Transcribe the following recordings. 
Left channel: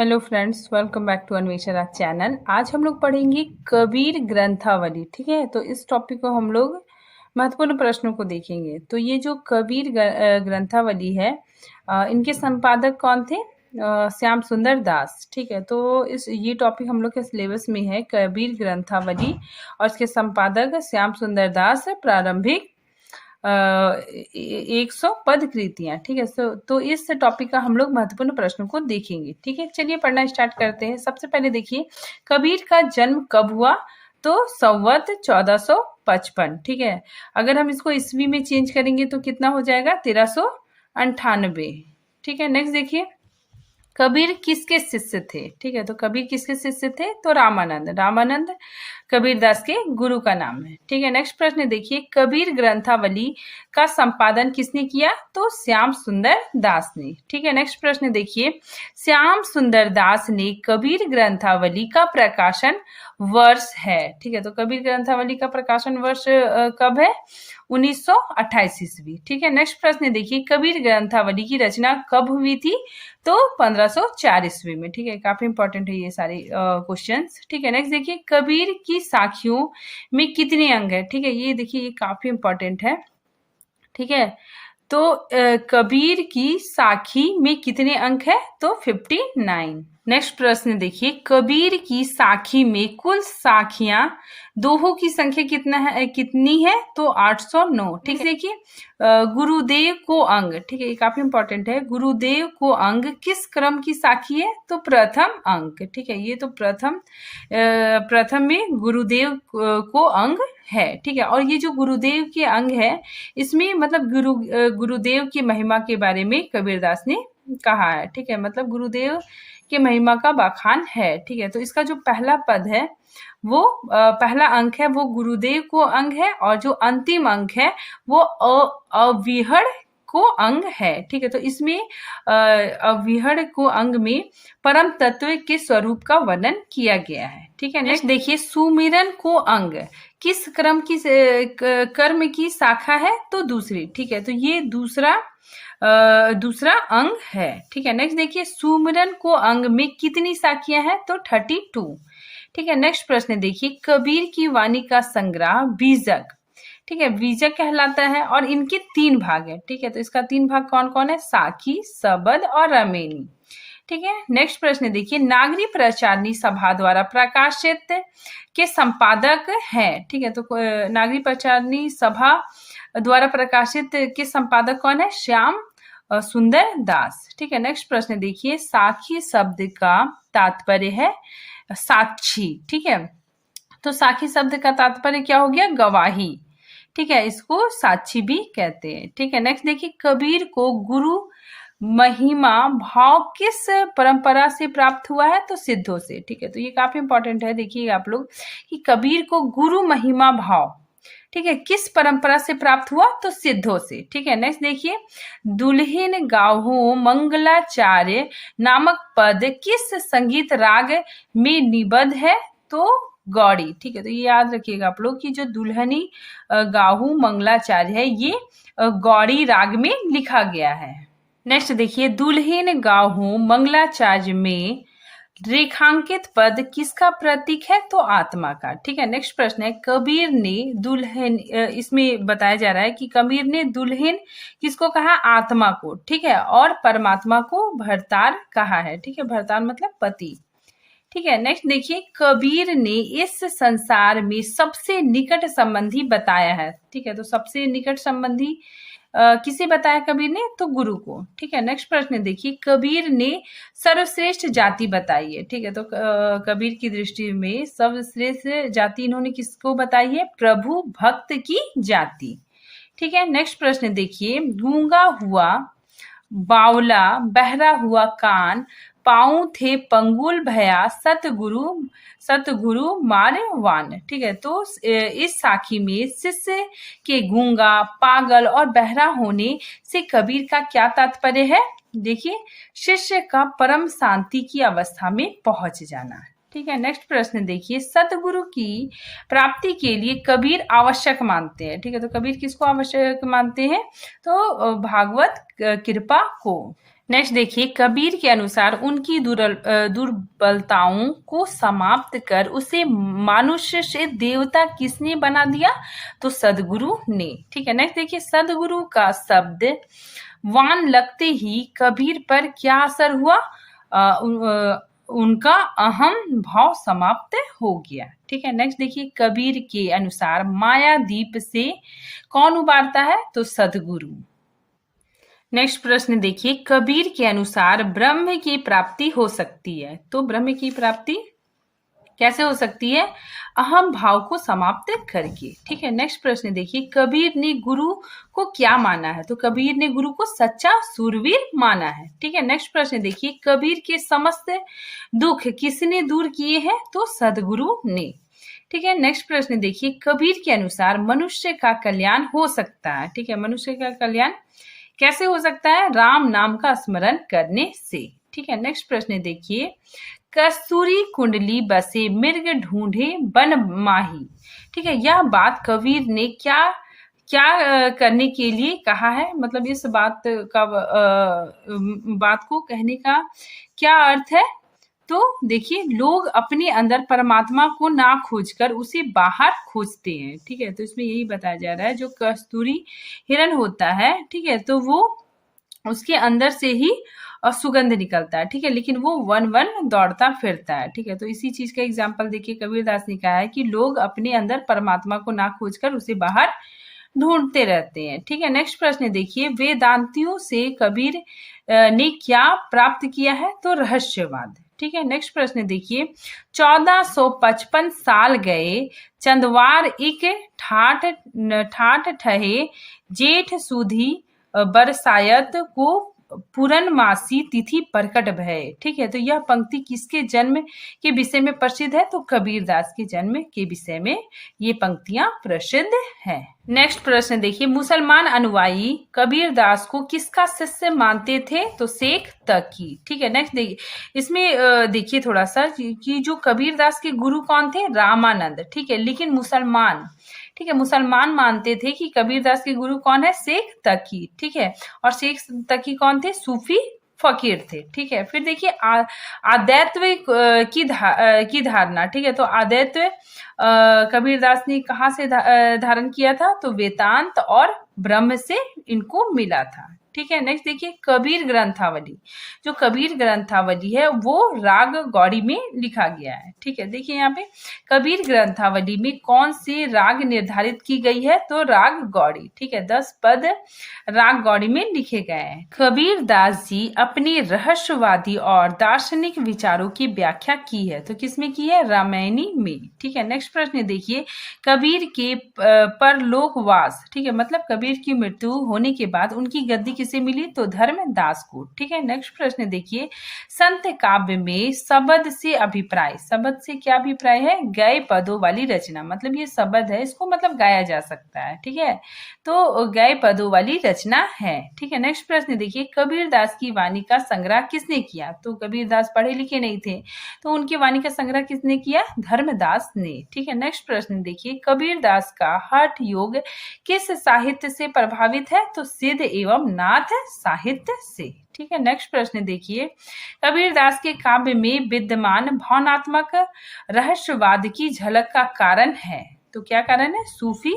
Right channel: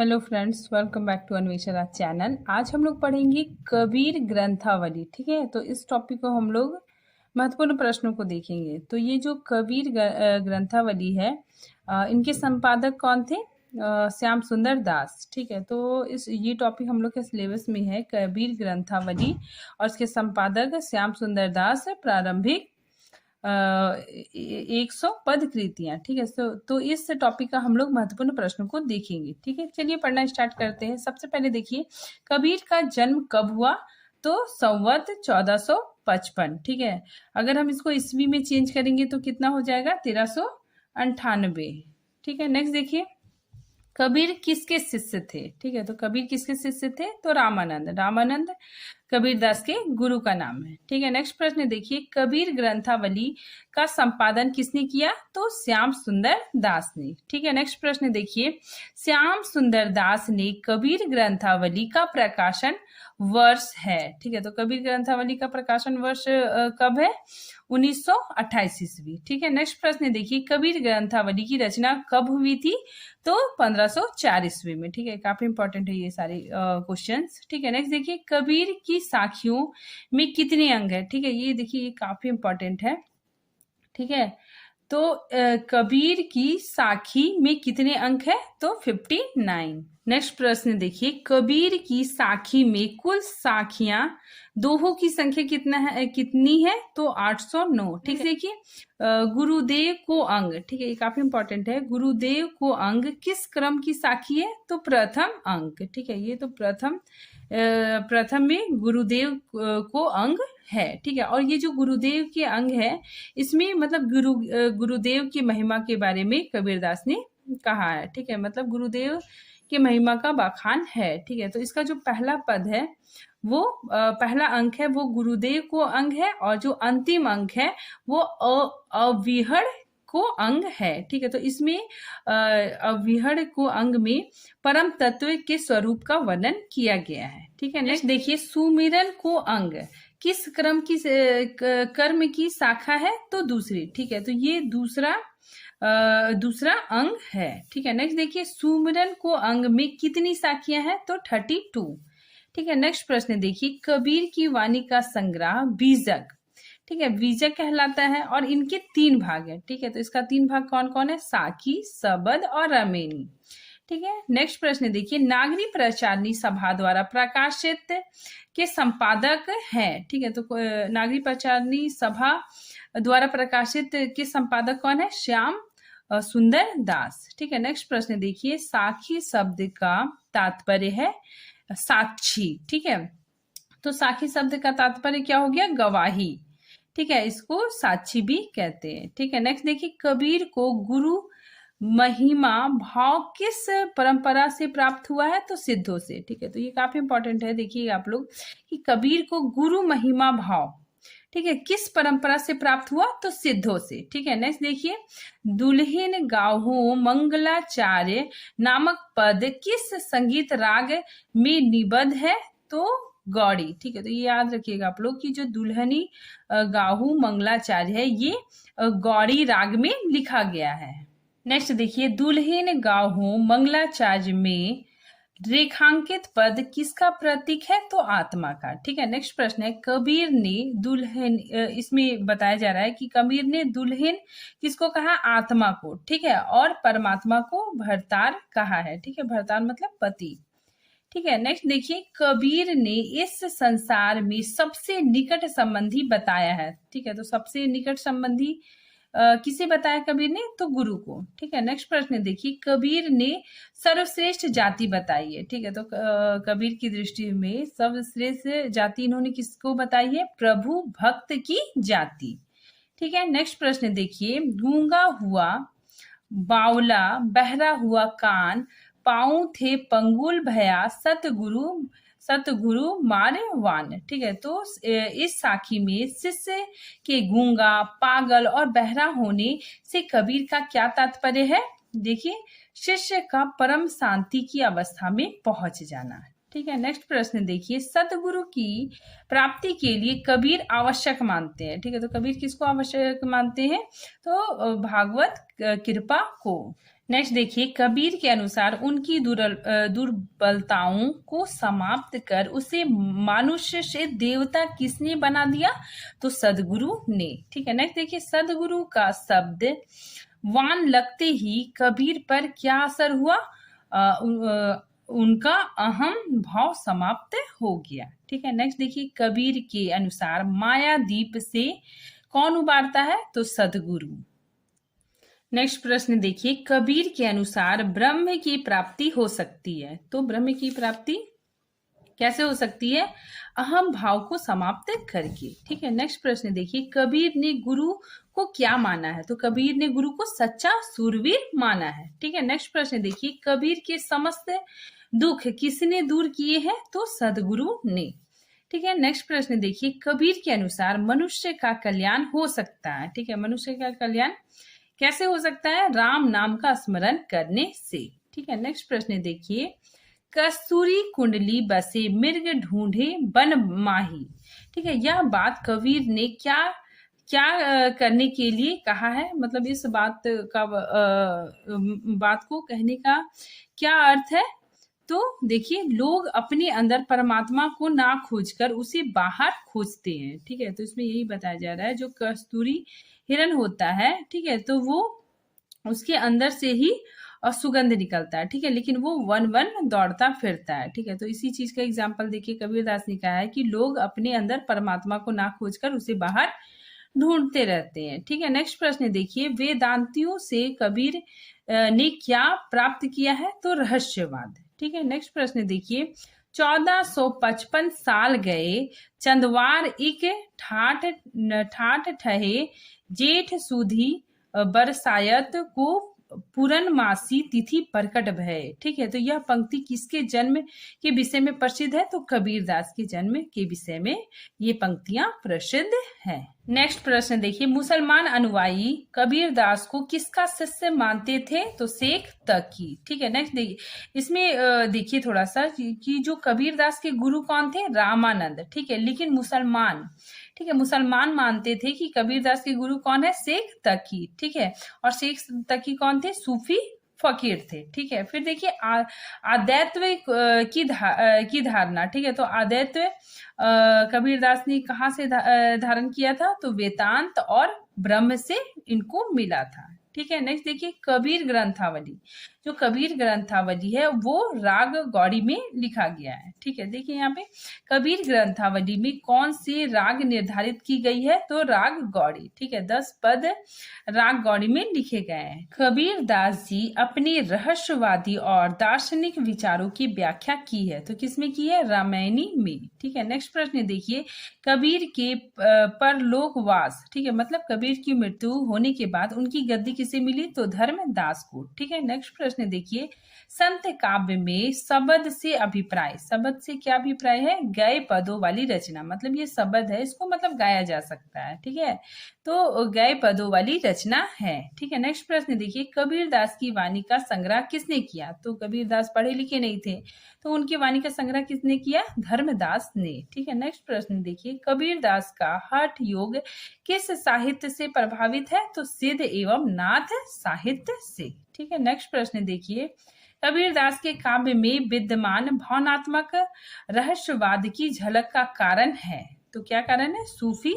Hello friends, welcome back to Anvesha channel. आज हम लोग पढ़ेंगे कबीर ग्रंथावली। ठीक है, तो इस टॉपिक को हम लोग महत्वपूर्ण प्रश्नों को देखेंगे। तो ये जो कबीर ग्रंथावली है, इनके संपादक कौन थे? श्याम सुंदर दास। ठीक है, तो इस ये टॉपिक हम लोग के सिलेबस में है, कबीर ग्रंथावली, और इसके संपादक श्याम सुंदर दास। प्रारंभिक 100 पद कृतियां। ठीक है, तो इस टॉपिक का हम लोग महत्वपूर्ण प्रश्नों को देखेंगे। ठीक है, चलिए पढ़ना स्टार्ट करते हैं। सबसे पहले देखिए, कबीर का जन्म कब हुआ? तो संवत 1455। ठीक है, अगर हम इसको ईस्वी में चेंज करेंगे तो कितना हो जाएगा? 1398। ठीक है, नेक्स्ट देखिए, कबीर किसके शिष्य थे? ठीक है, तो कबीर किसके शिष्य थे? तो रामानंद कबीरदास के गुरु का नाम है। ठीक है, नेक्स्ट प्रश्न देखिए, कबीर ग्रंथावली का संपादन किसने किया? तो श्याम सुंदर दास ने। ठीक है, नेक्स्ट प्रश्न देखिए, श्याम सुंदर दास ने कबीर ग्रंथावली का प्रकाशन वर्ष है। ठीक है, तो कबीर ग्रंथावली का प्रकाशन वर्ष कब है? 1928 ईस्वी। ठीक है, नेक्स्ट प्रश्न देखिए, कबीर ग्रंथावली की रचना कब हुई थी? तो 1504 ईस्वी में। ठीक है, काफी इंपॉर्टेंट है ये सारे क्वेश्चंस। ठीक है, नेक्स्ट देखिए, कबीर की साखियों में कितने अंग है? ठीक है, ये देखिए, ये काफी इंपॉर्टेंट है। ठीक है, तो कबीर की साखी में कितने अंक है? तो 59। नेक्स्ट प्रश्न देखिए, कबीर की साखी में कुल साखियां दोहों की संख्या कितनी है? तो 809। ठीक है, देखिए, गुरुदेव को अंग। ठीक है, ये काफी इंपॉर्टेंट है। गुरुदेव को अंग किस क्रम की साखी है? तो प्रथम अंक। ठीक है, ये तो प्रथम में गुरुदेव को अंग है। ठीक है, और ये जो गुरुदेव के अंग है, इसमें मतलब गुरुदेव की महिमा के बारे में कबीरदास ने कहा है। ठीक है, मतलब गुरुदेव के महिमा का बखान है। ठीक है, तो इसका जो पहला पद है, वो पहला अंक है, वो गुरुदेव को अंग है, और जो अंतिम अंक है वो अविहड़ को अंग है। ठीक है, तो इसमें अविहड़ को अंग में परम तत्व के स्वरूप का वर्णन किया गया है। ठीक है, नेक्स्ट देखिए, सुमिरन को अंग किस कर्म की शाखा है? तो दूसरी। ठीक है, तो ये दूसरा अंग है। ठीक है, नेक्स्ट देखिए, सुमिरन को अंग में कितनी शाखियां हैं? तो 32। ठीक है, नेक्स्ट प्रश्न देखिए, कबीर की वाणी का संग्रह बीजक। ठीक है, बीजक कहलाता है, और इनके 3 भाग है। ठीक है, तो इसका 3 भाग कौन कौन है? साखी, सबद और रमेनी। ठीक है, नेक्स्ट प्रश्न देखिए, नागरी प्रचारणी सभा द्वारा प्रकाशित के संपादक हैं। ठीक है, तो नागरी प्रचारणी सभा द्वारा प्रकाशित के संपादक कौन है? श्याम सुंदर दास। ठीक है, नेक्स्ट प्रश्न देखिए, साखी शब्द का तात्पर्य है साक्षी। ठीक है, तो साखी शब्द का तात्पर्य क्या हो गया? गवाही। ठीक है, इसको साक्षी भी कहते हैं। ठीक है, नेक्स्ट देखिए, कबीर को गुरु महिमा भाव किस परंपरा से प्राप्त हुआ है? तो सिद्धों से। ठीक है, तो ये काफी इंपॉर्टेंट है। देखिए आप लोग कि कबीर को गुरु महिमा भाव, ठीक है, किस परंपरा से प्राप्त हुआ? तो सिद्धों से। ठीक है, नेक्स्ट देखिए, दुल्हिन गाहू मंगलाचार्य नामक पद किस संगीत राग में निबद्ध है? तो गौड़ी। ठीक है, तो ये याद रखिएगा आप लोग कि जो दुल्हनी गाहू मंगलाचार्य है, ये गौड़ी राग में लिखा गया है। नेक्स्ट देखिए, दुल्हिन गाहू मंगलाचार्य में रेखांकित पद किसका प्रतीक है? तो आत्मा का। ठीक है, नेक्स्ट प्रश्न है, कबीर ने दुल्हन, इसमें बताया जा रहा है कि कबीर ने दुल्हन किसको कहा? आत्मा को। ठीक है, और परमात्मा को भरतार कहा है। ठीक है, भरतार मतलब पति। ठीक है, नेक्स्ट देखिए, कबीर ने इस संसार में सबसे निकट संबंधी बताया है। ठीक है, तो सबसे निकट संबंधी किसे बताया कबीर ने? तो गुरु को। ठीक है, नेक्स्ट प्रश्न देखिए, कबीर ने सर्वश्रेष्ठ जाति बताई है। ठीक है, तो कबीर की दृष्टि में सर्वश्रेष्ठ जाति इन्होंने किसको बताई है? प्रभु भक्त की जाति। ठीक है, नेक्स्ट प्रश्न देखिए, गूंगा हुआ बावला, बहरा हुआ कान, पाँव थे पंगुल भया, सतगुरु मारवान। ठीक है, तो इस साखी में शिष्य के गूंगा, पागल और बहरा होने से कबीर का क्या तात्पर्य है? देखिए, शिष्य का परम शांति की अवस्था में पहुंच जाना। ठीक है, नेक्स्ट प्रश्न देखिए, सतगुरु की प्राप्ति के लिए कबीर आवश्यक मानते हैं। ठीक है, तो कबीर किसको आवश्यक मानते हैं? तो भागवत कृपा को। नेक्स्ट देखिए, कबीर के अनुसार उनकी दुर्बलताओं को समाप्त कर उसे मनुष्य से देवता किसने बना दिया? तो सदगुरु ने। ठीक है, नेक्स्ट देखिए, सदगुरु का शब्द वान लगते ही कबीर पर क्या असर हुआ? उनका अहम भाव समाप्त हो गया। ठीक है, नेक्स्ट देखिए, कबीर के अनुसार माया दीप से कौन उबारता है? तो सदगुरु। नेक्स्ट प्रश्न देखिए, कबीर के अनुसार ब्रह्म की प्राप्ति हो सकती है, तो ब्रह्म की प्राप्ति कैसे हो सकती है? अहम भाव को समाप्त करके। ठीक है, नेक्स्ट प्रश्न देखिए, कबीर ने गुरु को क्या माना है? तो कबीर ने गुरु को सच्चा सूरवीर माना है। ठीक है, नेक्स्ट प्रश्न देखिए, कबीर के समस्त दुख किसने दूर किए हैं? तो सदगुरु ने। ठीक है, नेक्स्ट प्रश्न देखिए, कबीर के अनुसार मनुष्य का कल्याण हो सकता है। ठीक है, मनुष्य का कल्याण कैसे हो सकता है? राम नाम का स्मरण करने से। ठीक है, नेक्स्ट प्रश्न देखिए, कस्तूरी कुंडली बसे मृग ढूंढे बन माही। ठीक है, यह बात कबीर ने क्या क्या करने के लिए कहा है? मतलब इस बात का बात को कहने का क्या अर्थ है? तो देखिए, लोग अपने अंदर परमात्मा को ना खोजकर उसे बाहर खोजते हैं। ठीक है, तो इसमें यही बताया जा रहा है, जो कस्तूरी हिरण होता है, ठीक है, तो वो उसके अंदर से ही सुगंध निकलता है। ठीक है, लेकिन वो वन वन दौड़ता फिरता है। ठीक है, तो इसी चीज का एग्जाम्पल देखिए, कबीरदास ने कहा है कि लोग अपने अंदर परमात्मा को ना खोजकर उसे बाहर ढूंढते रहते हैं। ठीक है, नेक्स्ट प्रश्न देखिए, वेदांतियों से कबीर ने क्या प्राप्त किया है? तो रहस्यवाद। ठीक है, नेक्स्ट प्रश्न देखिए, 1455 साल गए चंदवार एक ठाठ ठहे जेठ सुधी बरसायत को पूर्णमासी तिथि प्रकट भय। ठीक है, तो यह पंक्ति किसके जन्म के विषय में प्रसिद्ध है? तो कबीरदास के जन्म के विषय में ये पंक्तियां प्रसिद्ध हैं। नेक्स्ट प्रश्न देखिए, मुसलमान अनुयायी कबीरदास को किसका शिष्य मानते थे? तो शेख तकी। ठीक है, नेक्स्ट देखिए, इसमें देखिए थोड़ा सा कि जो कबीरदास के गुरु कौन थे? रामानंद। ठीक है, लेकिन मुसलमान, ठीक है, मुसलमान मानते थे कि कबीरदास के गुरु कौन है? शेख तकी। ठीक है, और शेख तकी कौन थे? सूफी फकीर थे। ठीक है, फिर देखिए, आध्यात्व की धारणा। ठीक है, तो आध्यात्व कबीरदास ने कहाँ से धारण किया था? तो वेदांत और ब्रह्म से इनको मिला था। ठीक है, नेक्स्ट देखिए, कबीर ग्रंथावली। जो कबीर ग्रंथावली है वो राग गौड़ी में लिखा गया है। ठीक है, देखिए यहाँ पे कबीर ग्रंथावली में कौन से राग निर्धारित की गई है? तो राग गौड़ी। ठीक है, 10 पद राग गौड़ी में लिखे गए हैं। कबीर दास जी अपने रहस्यवादी और दार्शनिक विचारों की व्याख्या की है, तो किसमें की है? रामायणी में। ठीक है, नेक्स्ट प्रश्न देखिए, कबीर के परलोकवास। ठीक है, मतलब कबीर की मृत्यु होने के बाद उनकी गद्दी किसे मिली? तो धर्मदास को। ठीक है, नेक्स्ट प्रश्न देखिए, संत काव्य में शब्द से अभिप्राय। शब्द से क्या अभिप्राय है? गए पदों वाली रचना, मतलब ये शब्द है, इसको मतलब गाया जा सकता है। ठीक है, तो गए पदों वाली रचना है। ठीक है, नेक्स्ट प्रश्न देखिए, कबीरदास की वाणी का संग्रह किसने किया? तो कबीरदास पढ़े लिखे नहीं थे, तो उनकी वाणी का संग्रह किसने किया? धर्मदास ने। ठीक है, नेक्स्ट प्रश्न देखिए, कबीरदास का हठ योग किस साहित्य से प्रभावित है? तो सिद्ध एवं नाथ साहित्य से। ठीक है, नेक्स्ट प्रश्न देखिए, कबीरदास के काव्य में विद्यमान भावनात्मक रहस्यवाद की झलक का कारण है, तो क्या कारण है? सूफी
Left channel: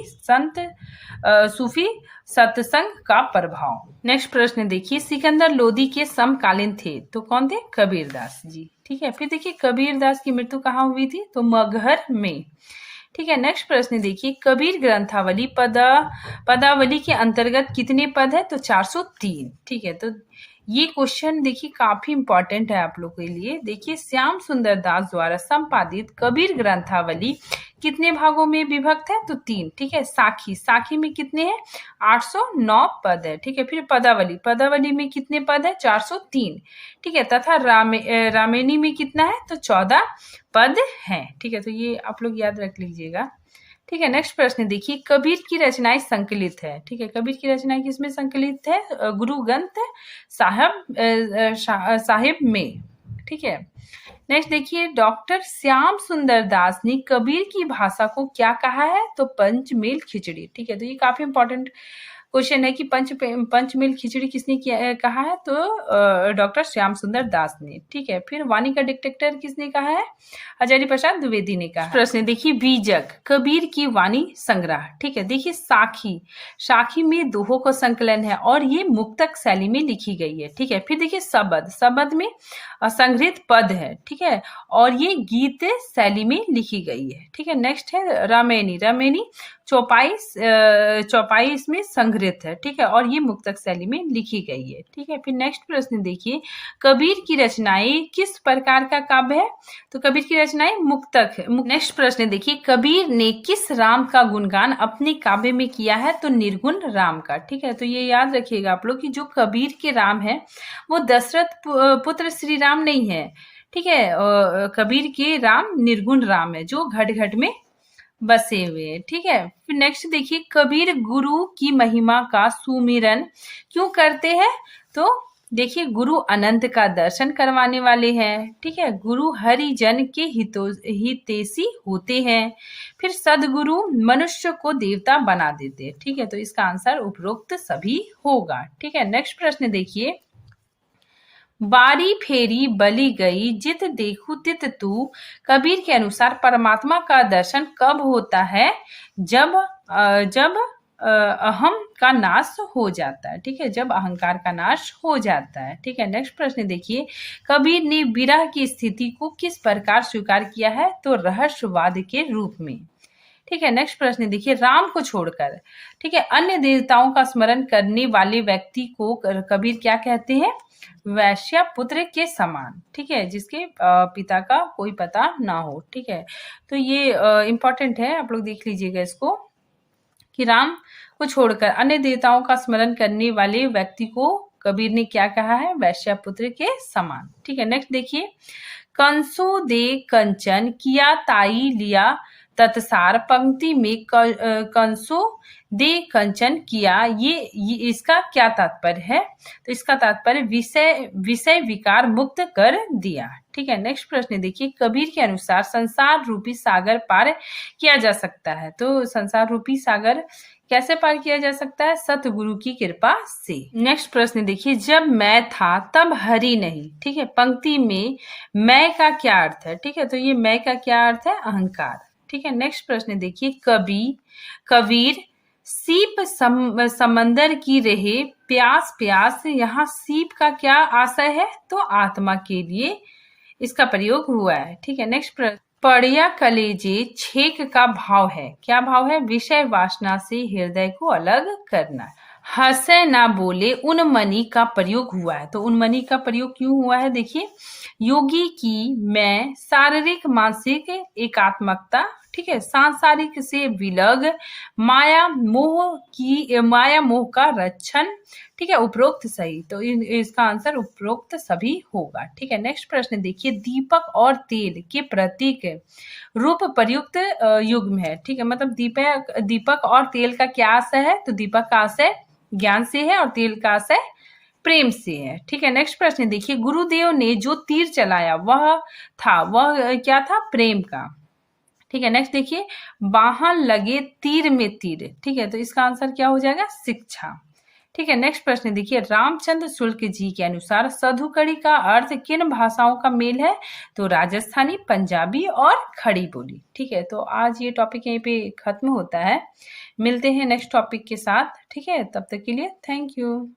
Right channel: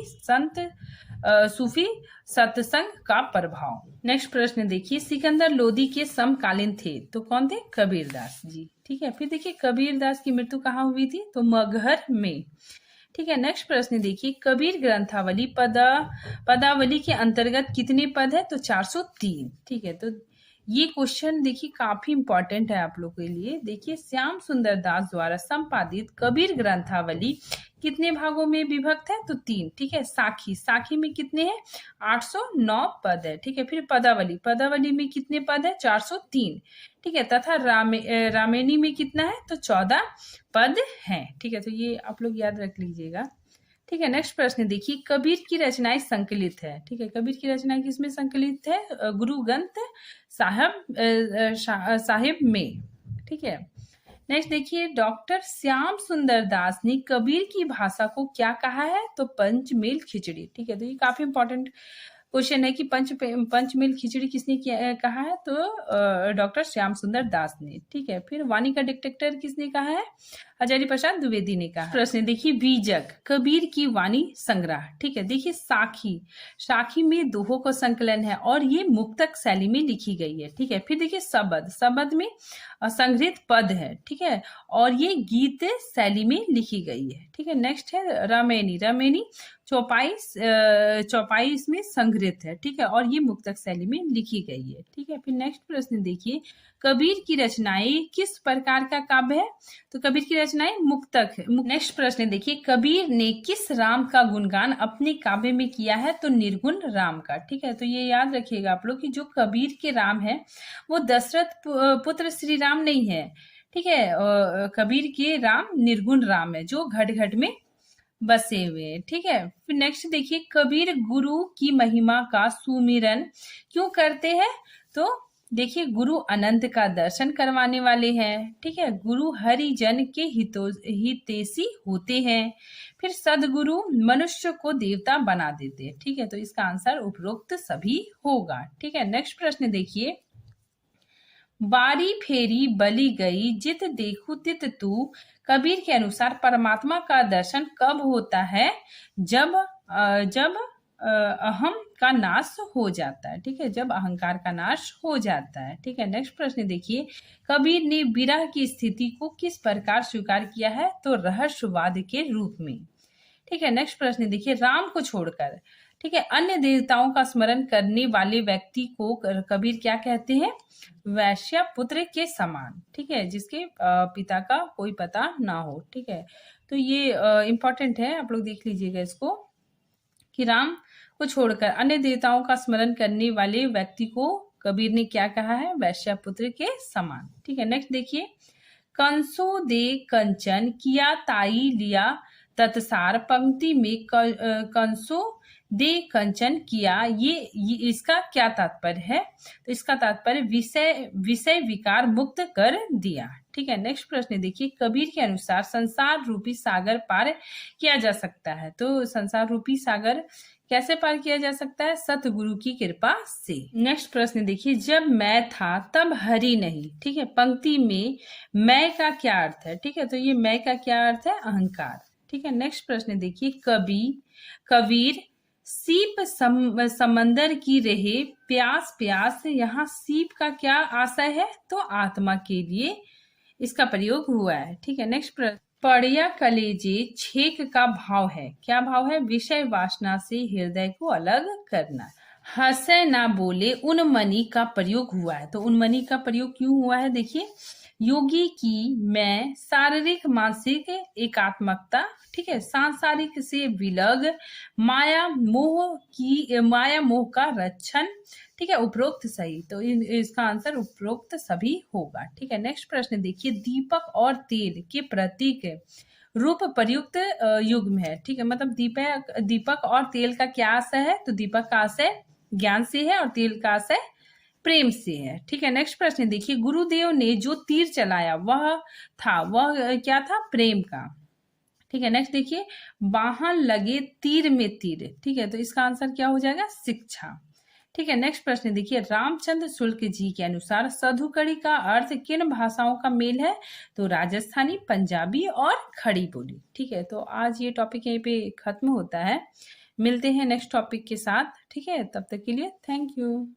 सत्संग का प्रभाव। नेक्स्ट प्रश्न देखिए, सिकंदर लोदी के समकालीन थे, तो कौन थे? कबीरदास जी। ठीक है, फिर देखिए, कबीरदास की मृत्यु कहाँ हुई थी? तो मगहर में। ठीक है, नेक्स्ट प्रश्न देखिए, कबीर ग्रंथावली पदावली के अंतर्गत कितने पद है? तो 403। ठीक है, तो ये क्वेश्चन देखिए काफी इंपॉर्टेंट है आप लोग के लिए। देखिए, श्याम सुंदर दास द्वारा संपादित कबीर ग्रंथावली कितने भागों में विभक्त है? तो 3। ठीक है, साखी में कितने हैं? 809 पद है। ठीक है, फिर पदावली में कितने पद है? 403। ठीक है, तथा रामेणी में कितना है? तो 14 पद हैं। ठीक है, तो ये आप लोग याद रख लीजिएगा। ठीक है, नेक्स्ट प्रश्न देखिए, कबीर की रचनाएं संकलित है। ठीक है, कबीर की रचनाएं किसमें संकलित है? गुरु ग्रंथ साहिब में। ठीक है, नेक्स्ट देखिए, डॉक्टर श्याम सुंदर दास ने कबीर की भाषा को क्या कहा है? तो पंचमेल खिचड़ी। ठीक है, तो ये काफी इंपॉर्टेंट क्वेश्चन है कि पंचमेल खिचड़ी किसने कहा है, तो डॉक्टर श्याम सुंदर दास ने। ठीक है, फिर वाणी का डिक्टेटर किसने कहा है, हजारी प्रसाद द्विवेदी ने कहा। प्रश्न देखिए बीजक, कबीर की वाणी संग्रह। ठीक है, देखिए साखी, साखी में दोहों का संकलन है और ये मुक्तक शैली में लिखी गई है। ठीक है, फिर देखिए शबद, शबद में संग्रहित पद है। ठीक है, और ये गीत शैली में लिखी गई है। ठीक है, नेक्स्ट है रामायणी, रामायणी चौपाई इसमें संग्रहित है। ठीक है, और ये मुक्तक शैली में लिखी गई है। ठीक है, फिर नेक्स्ट प्रश्न देखिए, कबीर की रचनाएं किस प्रकार का काव्य है, तो कबीर की रचनाएं मुक्तक है। नेक्स्ट प्रश्न देखिए, कबीर ने किस राम का गुणगान अपने काव्य में किया है, तो निर्गुण राम का। ठीक है, तो ये याद रखिएगा आप लोग कि जो कबीर के राम है वो दशरथ पुत्र श्री राम नहीं है। ठीक है, कबीर के राम निर्गुण राम है जो घट घट में बसे हुए हैं। ठीक है, फिर नेक्स्ट देखिए, कबीर गुरु की महिमा का सुमिरन क्यों करते हैं, तो देखिए गुरु अनंत का दर्शन करवाने वाले हैं। ठीक है, गुरु हरिजन के हितैषी होते हैं। फिर सदगुरु मनुष्य को देवता बना देते हैं। ठीक है, तो इसका आंसर उपरोक्त सभी होगा। ठीक है, नेक्स्ट प्रश्न देखिए, बारी फेरी बली गई जित देखू तित तू, कबीर के अनुसार परमात्मा का दर्शन कब होता है, जब अहम का नाश हो जाता है। ठीक है, जब अहंकार का नाश हो जाता है। ठीक है, नेक्स्ट प्रश्न देखिए, कबीर ने विरह की स्थिति को किस प्रकार स्वीकार किया है, तो रहस्यवाद के रूप में। ठीक है, नेक्स्ट प्रश्न देखिए, राम को छोड़कर ठीक है अन्य देवताओं का स्मरण करने वाले व्यक्ति को कबीर क्या कहते हैं, वैश्य पुत्र के समान। ठीक है, जिसके पिता का कोई पता ना हो। ठीक है, तो ये इंपॉर्टेंट है, आप लोग देख लीजिएगा इसको कि राम को छोड़कर अन्य देवताओं का स्मरण करने वाले व्यक्ति को कबीर ने क्या कहा है, वैश्य पुत्र के समान। ठीक है, नेक्स्ट देखिए, कंसो दे कंचन किया ताई लिया तत्सार, पंक्ति में कंसो दे कंचन किया, ये इसका क्या तात्पर्य है, तो इसका तात्पर्य विषय विकार मुक्त कर दिया। ठीक है, नेक्स्ट प्रश्न देखिए, कबीर के अनुसार संसार रूपी सागर पार किया जा सकता है, तो संसार रूपी सागर कैसे पार किया जा सकता है, सतगुरु की कृपा से। नेक्स्ट प्रश्न देखिए, जब मैं था तब हरि नहीं। ठीक है, पंक्ति में मैं का क्या अर्थ है, ठीक है, तो ये मैं का क्या अर्थ है, अहंकार। ठीक है, नेक्स्ट प्रश्न देखिए, कबीर सीप समंदर की रहे प्यास प्यास, यहाँ सीप का क्या आशय है, तो आत्मा के लिए इसका प्रयोग हुआ है। ठीक है, नेक्स्ट प्रश्न, पड़िया कलेजे छेक का भाव है, क्या भाव है, विषय वासना से हृदय को अलग करना। हंसे ना बोले उन्मनी का प्रयोग हुआ है, तो उन्मनी का प्रयोग क्यों हुआ है, देखिए योगी की मैं शारीरिक मानसिक एकात्मकता, ठीक है, सांसारिक से विलग, माया मोह का रक्षण। ठीक है, उपरोक्त सही, तो इसका आंसर उपरोक्त सभी होगा। ठीक है, नेक्स्ट प्रश्न देखिए, दीपक और तेल के प्रतीक रूप प्रयुक्त युग्म है। ठीक है, मतलब दीपक और तेल का क्या आशय है, तो दीपक का आशय ज्ञान से है और तेल का आशय प्रेम से है। ठीक है, नेक्स्ट प्रश्न देखिए, गुरुदेव ने जो तीर चलाया वह क्या था, प्रेम का। ठीक है, नेक्स्ट देखिए, बाहन लगे तीर में तीर। ठीक है, तो इसका आंसर क्या हो जाएगा, शिक्षा। ठीक है, नेक्स्ट प्रश्न देखिए, रामचंद्र शुक्ल जी के अनुसार साधुकड़ी का अर्थ किन भाषाओं का मेल है, तो राजस्थानी, पंजाबी और खड़ी बोली। ठीक है, तो आज ये टॉपिक यहीं पे खत्म होता है, मिलते हैं नेक्स्ट टॉपिक के साथ। ठीक है, तब तक के लिए थैंक यू।